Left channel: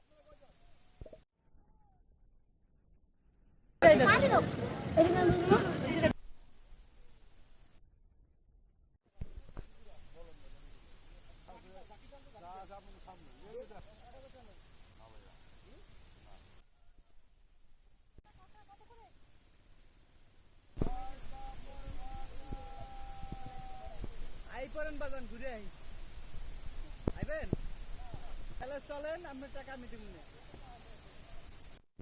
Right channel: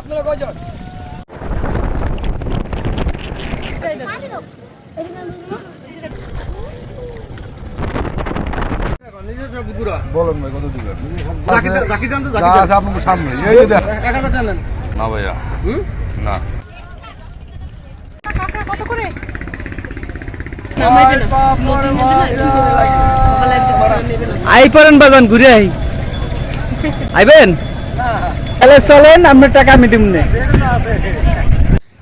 আপনারা কয়জন? নিজস্ব পুকুরা বলেন ভাই কত দিবেন? জাকি দেন, জাকি দেন তো, জাকি যা দেন। আছে আপনার সামনে এই যে দেখ। এক হাজার টাকা নেন। না ভাইয়া। না কত করে নামাইবে না। নদীর মধ্যে না একটু করে লাগে সকালে একজন বসে নেবে না আই পারেন বাজান ঘুরে আই। আইবেন? চলেন আপনার টাকা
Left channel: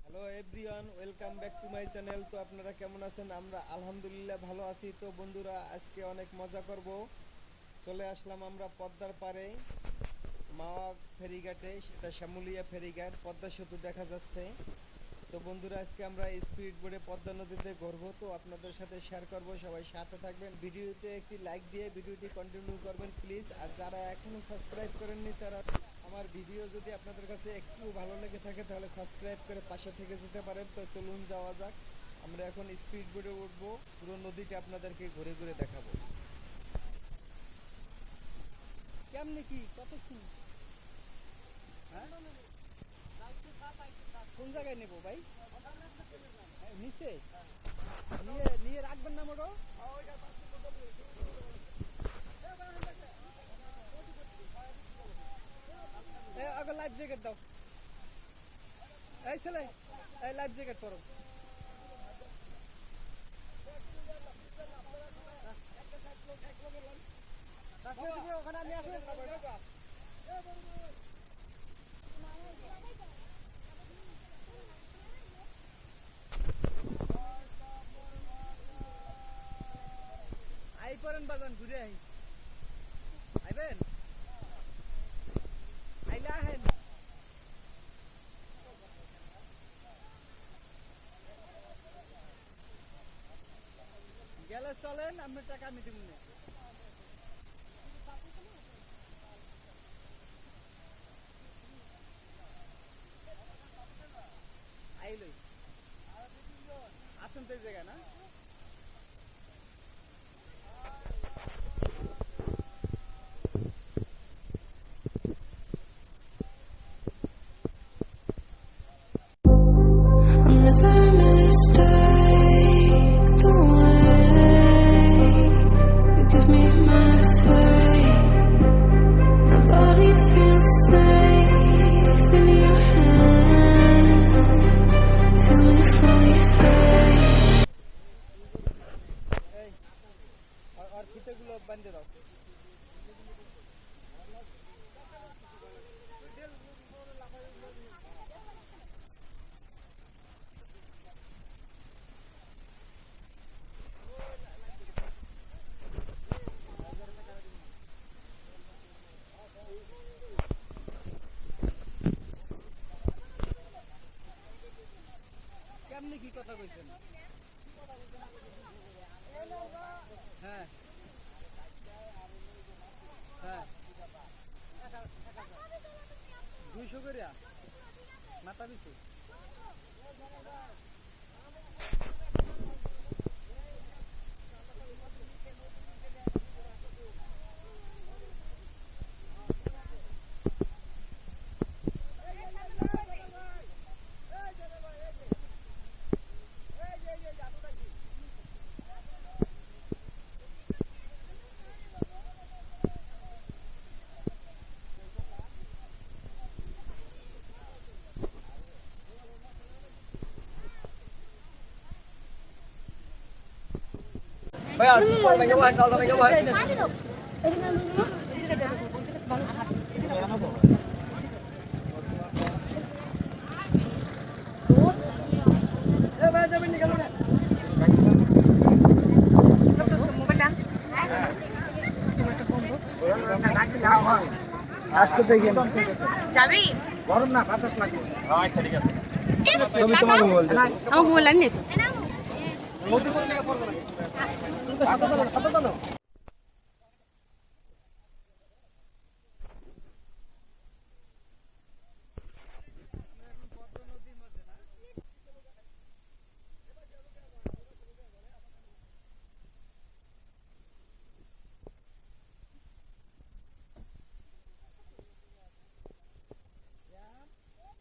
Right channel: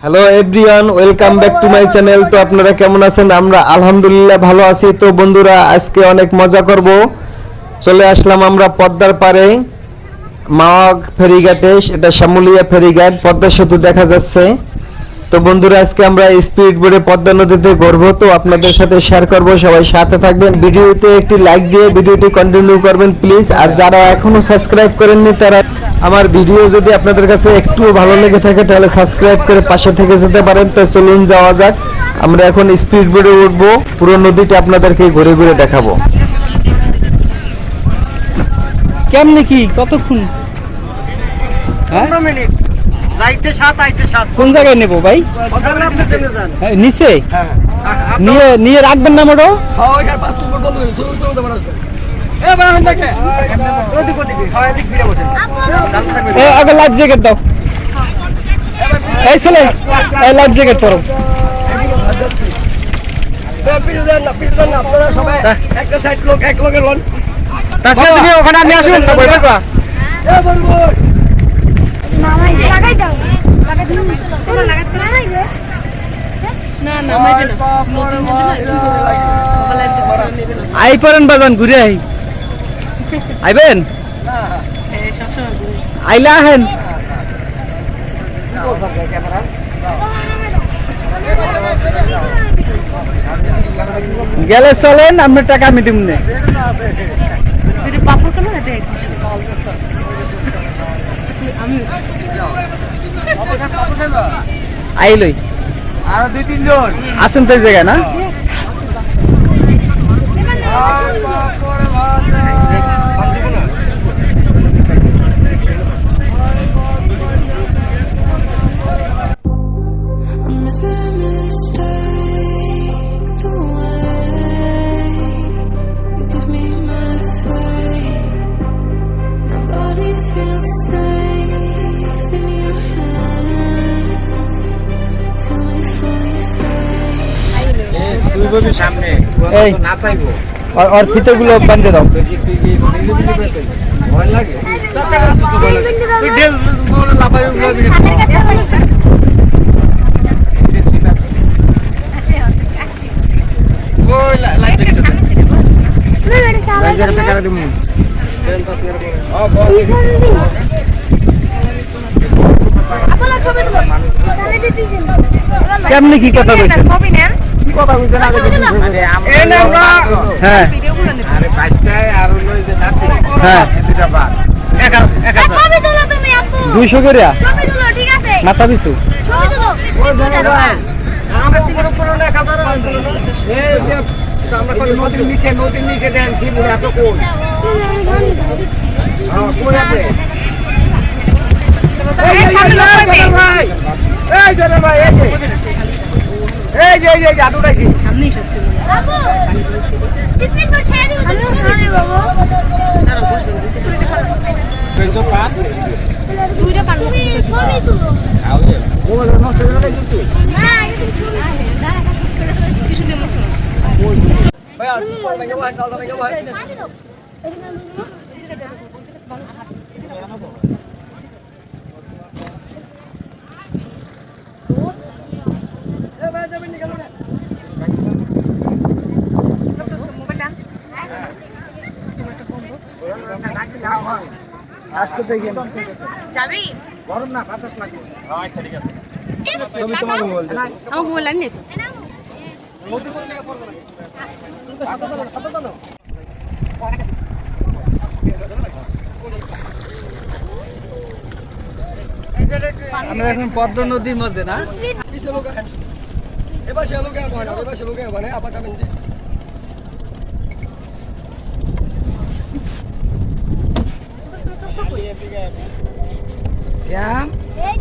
hello everyone welcome back to my channel তো আপনারা কেমন আছেন? আমরা আলহামদুলিল্লাহ ভালো আছি। তো বন্ধুরা, আজকে অনেক মজা করব। চলে আসলাম আমরা পদ্মার পারে মাওয়াগ ফেরিঘাটে। এটা শ্যামলিয়া ফেরিঘাট, পদ্মা সেতু দেখা যাচ্ছে। তো বন্ধুরা, আজকে আমরা স্পিড বোর্ডে পদ্মা নদীতে ঘুরবো। তো আপনাদের সাথে শেয়ার করব, সবাই সাথে থাকবেন। ভিডিওতে একটি লাইক দিয়ে ভিডিওটি কন্টিনিউ করবেন প্লিজ আর যারা এখনও সাবস্ক্রাইব করেননি, তারা আমার ভিডিও যদি আপনাদের কাছে একটু ভালো লেগে থাকে তাহলে সাবস্ক্রাইব করে পাশে থেকে যেতে পারেন। তো চলুন যাওয়া যাক। আমরা এখন স্পিড বোর্ডে উঠবো। পুরো নদীটা আপনাদেরকে ঘুরে ঘুরে দেখাবো। কেমনে কি? কতক্ষণ? হ্যাঁ? পনেরো মিনিট। যাইতে সাত আইতে সাত। কোন জায়গায় নেব ভাই? হ্যাঁ, নিচে? হ্যাঁ। নিয়ে নিয়ে রাখবেন না মোটো? আগে লাইফ জ্যাকেট দাও। এই ছেলে এই লাইফ জ্যাকেট পরো। তুমি ওখানে আমি না লাগাই দাও। লাগাই দাও আই পারেন বাজান ঘুরে আই আইবেন? আইলা আহেন গেলে চলেন আপনার টাকা আমি দিব না আইলই আরও দুই তিনজন। আছেন তো এই জায়গায় না? এই আর আর ফিতেগুলো বান্ধে দাও। কেমনে কি কথা কইছেন? ছবি নেন। কি কথা কইছেন ছবি তুলো এই নে। আমরা হ্যাঁ। ভিডিও গুলো নেন হ্যাঁ। এক হাজার- এক হাজার। ছবি তুলো তুমি আপু। দুইশো করিয়া ছবি তুলো ঠিক আছে। মাথা পিছু। ছবি তুলো। আমরা তিন বড় বড় এক হাজার আর দিল না। এই যে আমরা কই নদীর নিচে নদীর নিচে দেন শিবুরে এত কোন হ্যাঁ কোন আছে? এই সামনে ভাই। এই যে ভাই এই যে। এই যে এই যে জাদু উঠাইছি সামনেই সবচেয়ে বাবু স্পিড বোর্ড ছেড়ে দিব তুমি ছবি বাবু। তারা বসবে না, দিতে দুইটা পার দুইটা পার তুমি ছবি তুলো। মোবাইল নষ্ট হয়ে গেল কিন্তু না তুমি ছবি তুলো। কিছু দিয়ে মশলা ভাই আর পড় লাগে ভাই ডালটা লাগে ভাই পানি দাও এ ভাই যাবেন নি কেন না মোবাইল ডান্স আজকে থেকে যাবি? গরম না বাতাস লাগে আচ্ছা ঠিক আছে। ছবি তোমাকে তো। করে পড়বে না হাতে দাও হাতে দাও আমরা এখন পদ্মা নদীর মাঝে না? এবার সে লোক এবার সে লোক মানে আবার যাবেন শ্যাম এই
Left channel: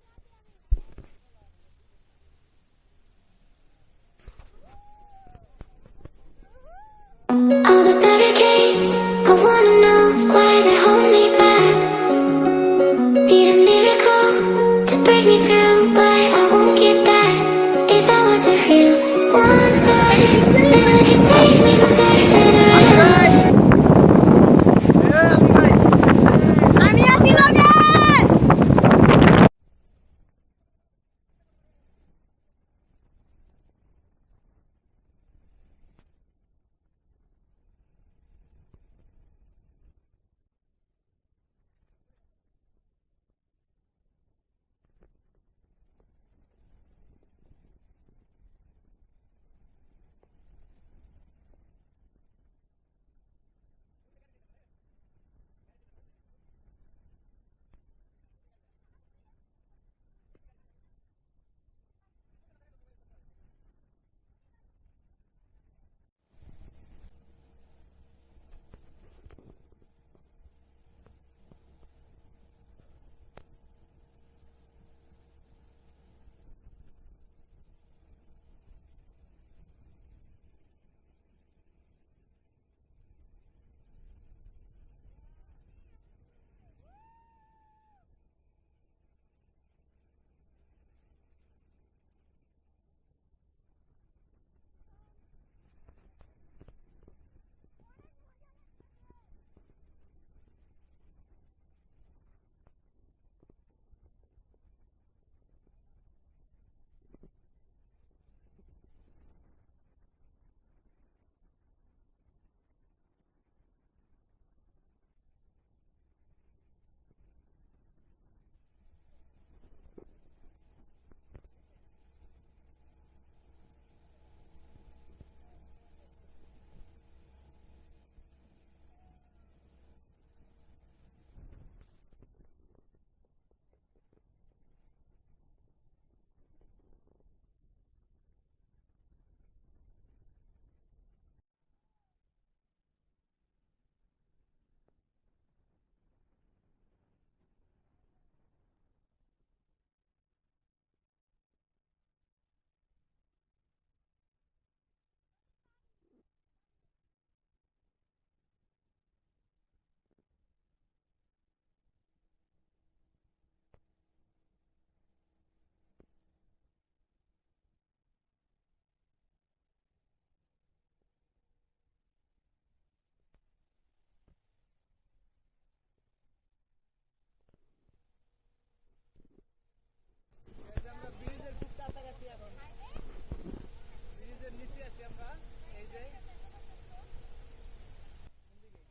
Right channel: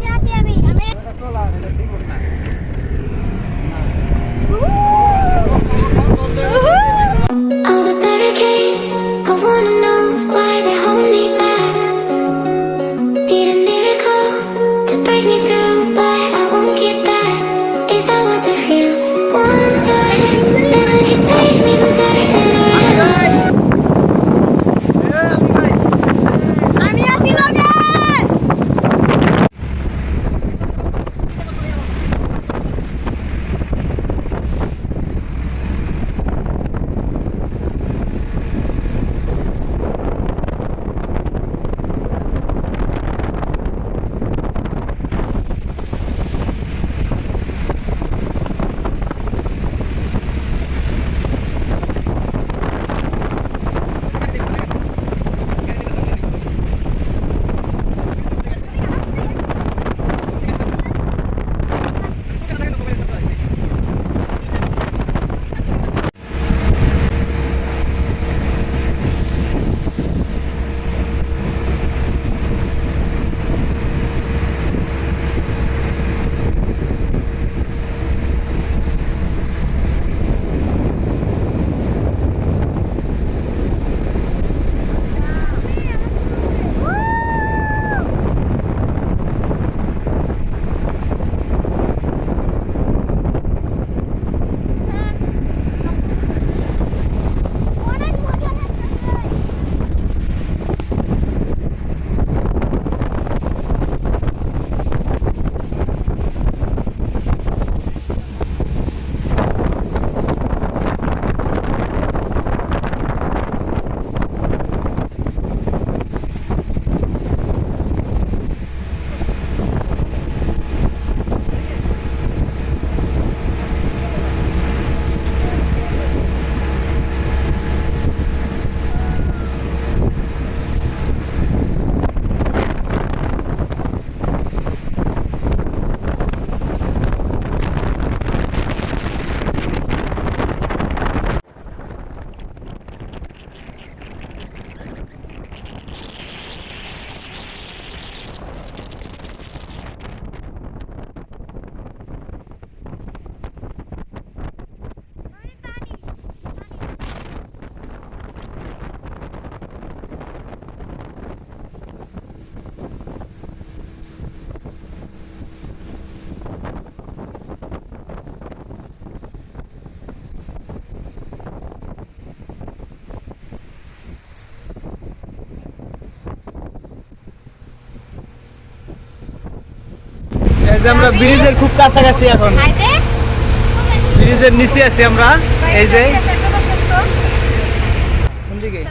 এই যে আমরা ব্রিজের খুব কাছাকাছি এখন। ব্রিজের নিচে আছি আমরা এই যে সত্য কোন দিকে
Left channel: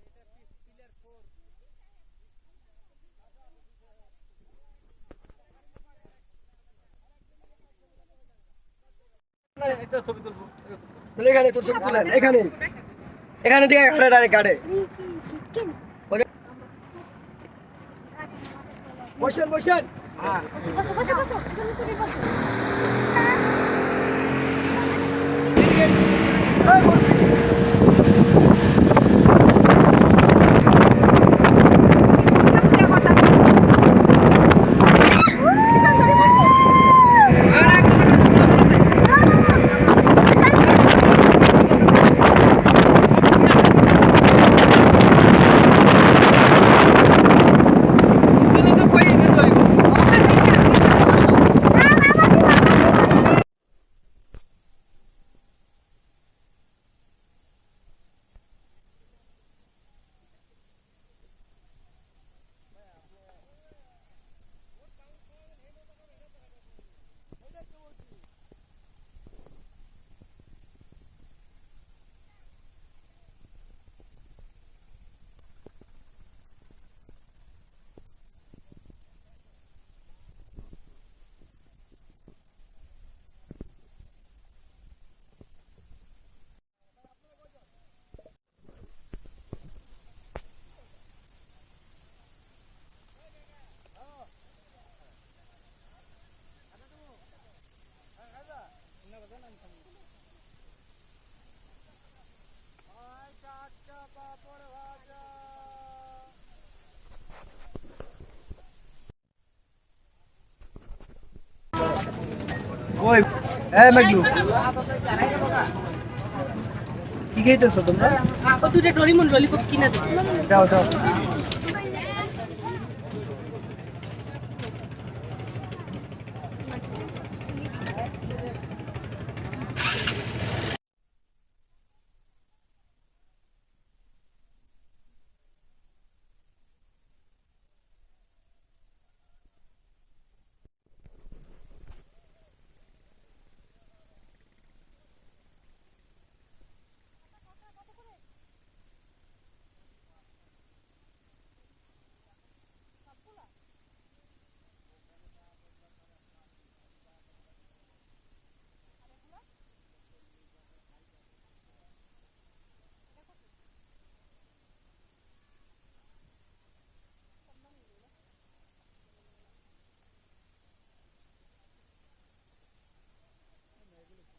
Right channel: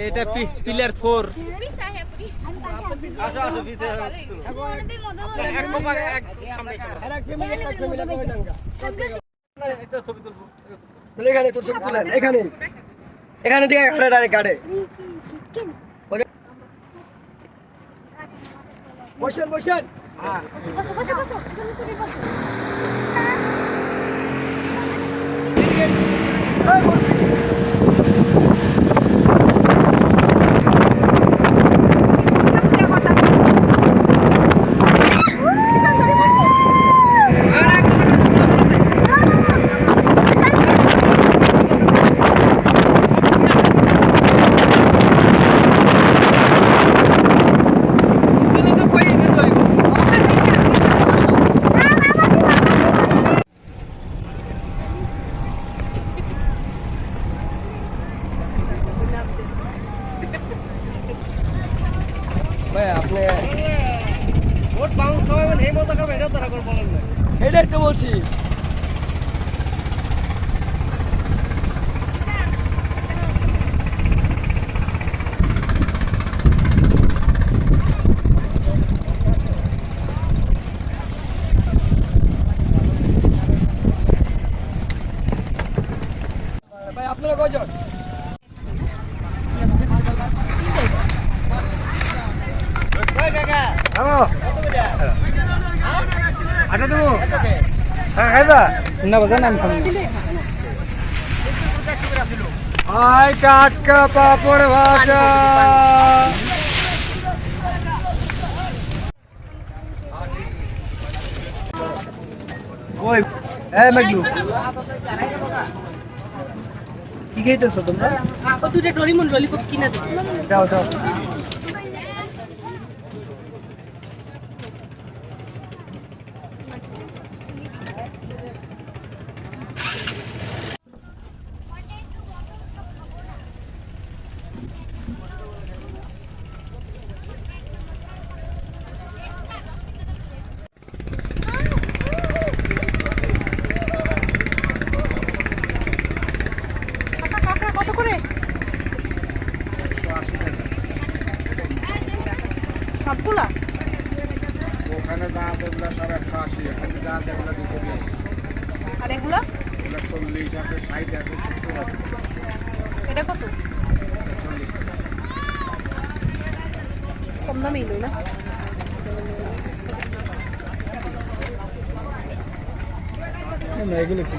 এটা পিলার ফোর আসো আসো এখানে তোর ছবি তুলেন এখানে। এখানে থেকে ডাইরেক্ট বসেন বসেন। বসো বসো বসো এখানে চলে বসো ভাই আপনি ভোট বাউন্স খাওয়াবেন এই মতো খাবেন এটা তারা করে বলেন না এটাই তো বলছি। ভাই আপনারা কয়জন? দেবো হ্যাঁ খাইবা না বাজান আমি খাব আয় টাটকা পাপড় ভাজা ওই এ মেঘলু কি খাইতেছো তোমরা? দুটো ডরিমন ললিপপ কিনে দে। দাও দাও কাঁকড়া কত করে সবগুলা ওখানে যা আছে ওগুলো সব একশো আশি এখানে যা আছে ওগুলো দুশো বিশ আর এগুলা ওগুলো চল্লিশ আছে ষাট আছে সত্তর আছে এটা কত চল্লিশ টাকা কম দামেই লই না এগুলো কি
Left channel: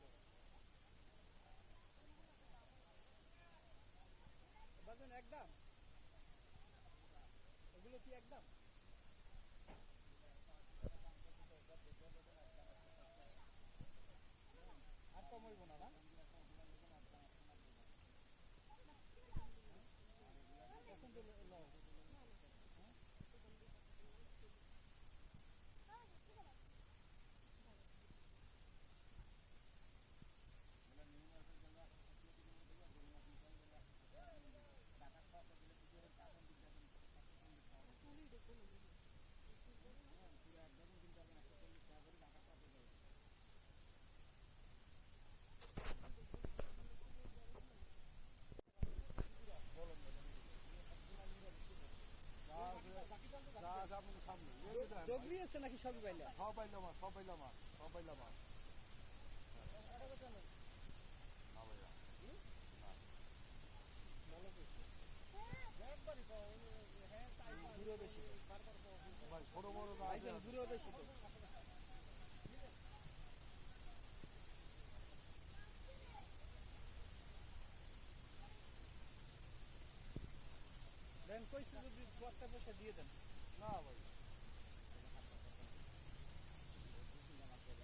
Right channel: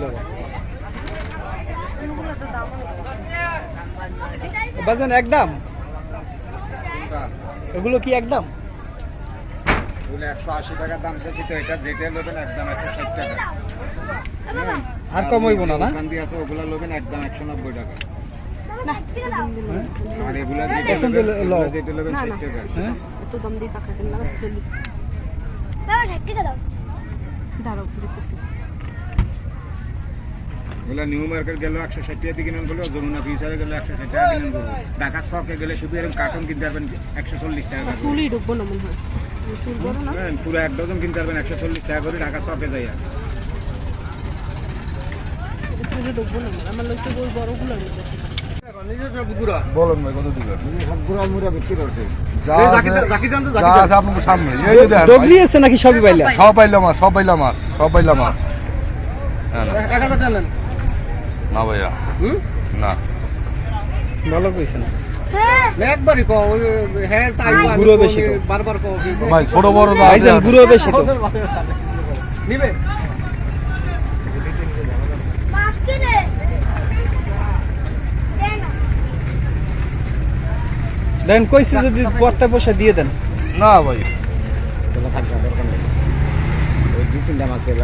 বাজান একদম? এগুলো কি একদম? ওগুলো একশো আশি টাকার দাম চাইছি তো এটা যেটা নেবেন একদম একশো ষাট টাকা। হ্যাঁ। আর কম হইব না না? ওখান দিয়ে আছে ওগুলো নেবেন একদম একশো নব্বই টাকা। না আর এগুলো যেটা নেবেন, লও। এগুলো যেটা নেবেন ষাট টাকা। হ্যাঁ? এত দাম দিয়ে দাও দাঁড়াও ওগুলো নিউ মার্কেট গেলে একশো ষাট টাকা কিনেন বলে যমুনা ফিউচারে গেলে একশো ষাট টাকা কিনেন ঢাকা স্টকে গেলে শুধু এরকম কার্টুন কিনতে পারবেন একশো চল্লিশ টাকা। চুলই ঢুকবো না মনে হয়। হ্যাঁ, পুরো এক ডজন কিনতে পারবেন একশো চল্লিশ টাকা করে ঢাকা স্টকে যাই বলুন ভাই কত দিবেন? সব গুড়া মুড়া বিক্রি করছে। সামনে। এই যে আছে নাকি সবই পাইলা সব পাইলা? মাছ সব পাইলা মাছ সব পাইলা মাছ। টাকা নেন। না ভাইয়া। হুম? না। ভালো কইছে না। একবারই কও হ্যাঁ চাইব বেশি বারবার কও কি ভাই ছোট বড় তো আছে। ভাইজান বেশি তো। নিবে? দেন কইছে যদি পড়তে বসে দিয়ে দেন। না ভাই। এর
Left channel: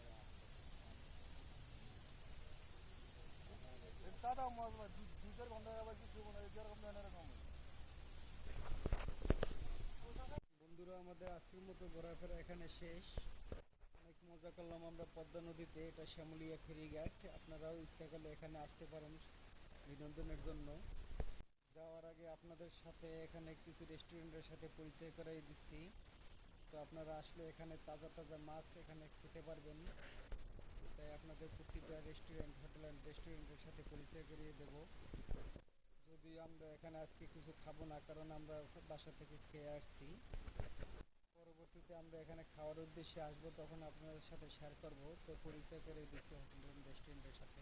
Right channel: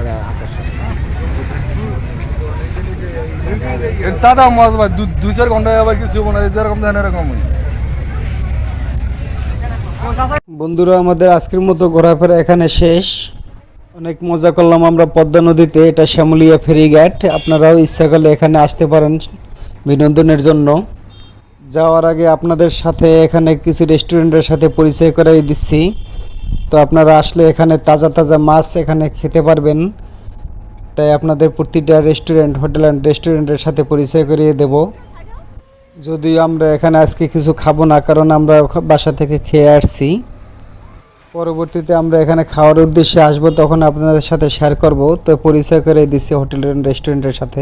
দাদা মাছ ভাই চার ঘণ্টা আবার কিছু যেরকম দেন এরকম বন্ধুরা, আমাদের আজকের মতো ঘোরাফেরা এখানে শেষ। অনেক মজা করলাম আমরা পদ্মা নদীতে, এটা শ্যামলিয়া ফেরিঘাট। আপনারাও ইচ্ছা করলে এখানে আসতে পারেন বিনোদনের জন্য। যাওয়ার আগে আপনাদের সাথে এখানে কিছু রেস্টুরেন্টের সাথে পরিচয় করাই দিচ্ছি। তো আপনারা আসলে এখানে তাজা তাজা মাছ এখানে খেতে পারবেন। তাই আপনাদের প্রতিটা রেস্টুরেন্ট হোটেল অ্যান্ড রেস্টুরেন্টের সাথে পরিচয় করিয়ে দেব। যদিও আমরা এখানে আজকে কিছু খাব না, কারণ আমরা বাসা থেকে খেয়ে আসছি। পরবর্তীতে আমরা এখানে খাওয়ার উদ্দেশ্যে আসব, তখন আপনাদের সাথে শেয়ার করব। তো পরিচয় করে দিচ্ছি হোটেল অ্যান্ড রেস্টুরেন্টের সাথে।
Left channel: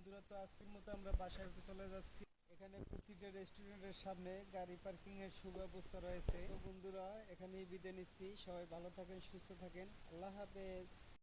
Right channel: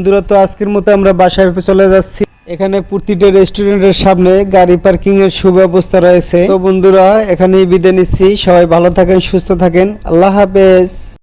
বন্ধুরা, তো আজকের মতো আমরা বাসায় চলে যাচ্ছি। এখানে প্রতিটা রেস্টুরেন্টের সামনে গাড়ি পার্কিং এর সুব্যবস্থা রয়েছে। তো বন্ধুরা, এখানেই বিদায় নিচ্ছি। সবাই ভালো থাকেন, সুস্থ থাকেন। আল্লাহ হাফেজ।